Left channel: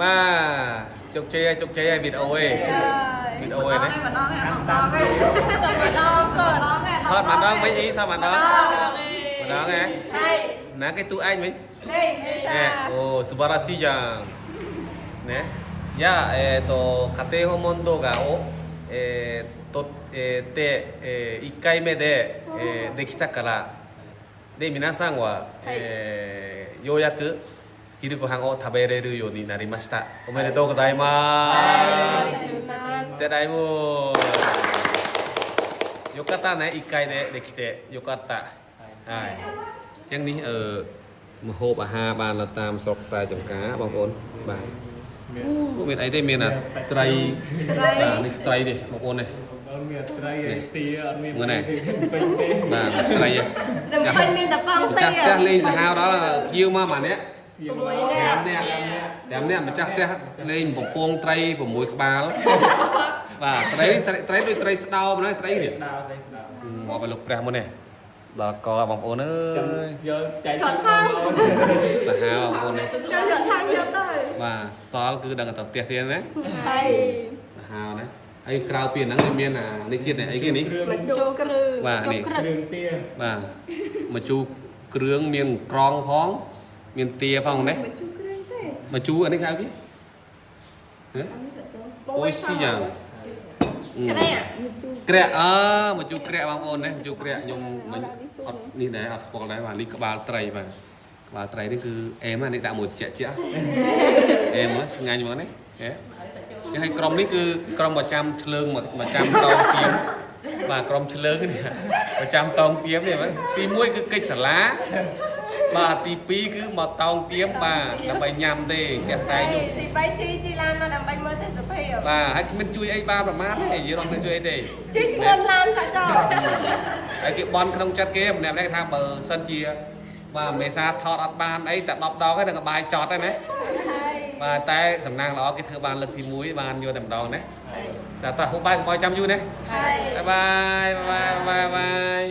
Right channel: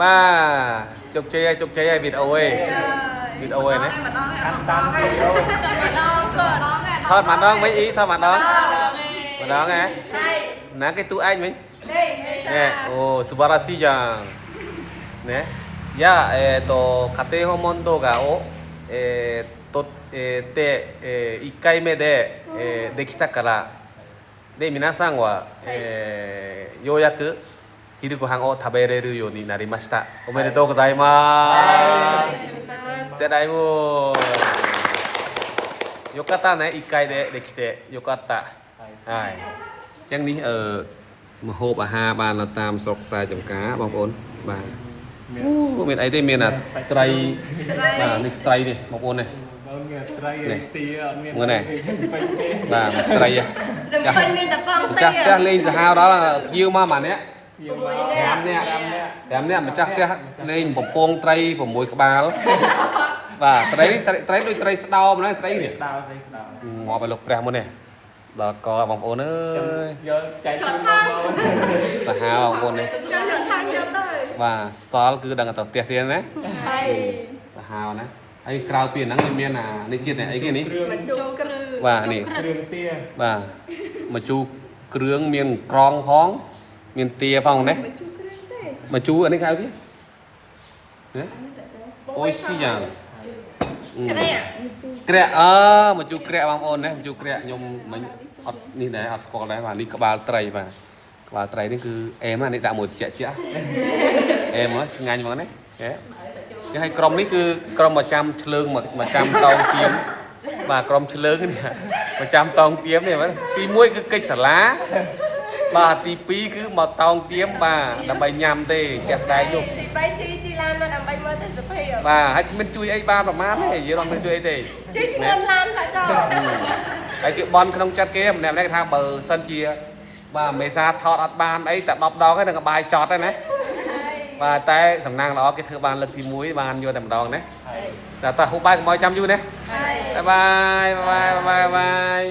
ba chụp chơi vịt ôi đấy thọt mặt đó mấy ý thọt mặt đó nghe ná cái tu anh mấy nè ô subarasi jang nè ya kate homondo ga o te 1回目でできたからで皆さんはようやく昼ご飯を食べれるようになりました。おめでとうございます。でだいぶよかったね、1回でできてよかった。はい。ចឹងនេះមហូបអាហារបានតាមស្រុកស្រែចម្ការបងប្អូនបាទអូមានអីទេមានត្រីបាទនេះត្រីនេះបងប្អូននេះមានត្រីទាអត់មាននេះបាទត្រីចាស់លេងសាហាវដល់ភ្ញៀវមកម៉ាក់នេះ5នាក់ម្ចាស់ផ្ទះលេងបំពងត្រី6ក្បាលបាទត្រីនេះត្រីដូចត្រីស្ដោមណាត្រីនេះស្ដោមកไปលោកព្រះមុននេះដល់កបងប្អូនអើយយកចែកជូនបងប្អូនសាហាវបងប្អូននេះបាទសល់គឺដឹងតែផ្ទះទៀតណាហើយសាហាវណាហើយក្រៅពីហ្នឹងមាននេះជាតិអីគេនេះម្ជូរគ្រឿងបាទនេះគ្រឿងទាបាទម្ជូរគ្រឿងមានក្រងផងមានទាផងនេះម្ជូរអានេះគេហៅគេណាអូយស៊ីយ៉ាងក្រាក់ម្ជូរក្រាក់បងប្អូនណាម្ជូរក្រាក់ខ្ញុំមិនអត់នេះដែរអត់ស្គាល់ដែរបាទនេះក្បាលត្រីបាទក្បាលត្រីនេះគឺអែមនេះដាក់មួយជាក់អែមមកឆ្ងាញ់មកនេះគេឲ្យក្រុមនេះគឺក្រុមប្រចាំឆ្លើងប្រចាំតោងទៀមបាទក្រុមឆ្លើងនេះប្រចាំតោងទៀមនេះបាទទី1គឺកិច្ចសាលាបាទទី2គឺមកតោងទៀមបាទដើម្បីញ៉ាំទេចេះស្ដាយនោះទី3ជីឡានមកដើម្បីមើលទេសភាពបាទហើយគ្មានជួយអីបានប្រហែលទេយល់អត់មានជួយអីទេជួយខ្លួនឡានថាចោលហើយគេបន់ក្នុងចិត្តគេម្នាក់ៗគេថាបើសិនជាបាទមេសាថតអត់បានអីតែ10ដងហ្នឹងក៏បាយចត់ដែរណាបាទតែសំណាងល្អគេធ្វើបានលើកទី1បានយកតែម្ដងណាតែតោះហូបបាយកុំឲ្យចាំយូរណាបាយបាយ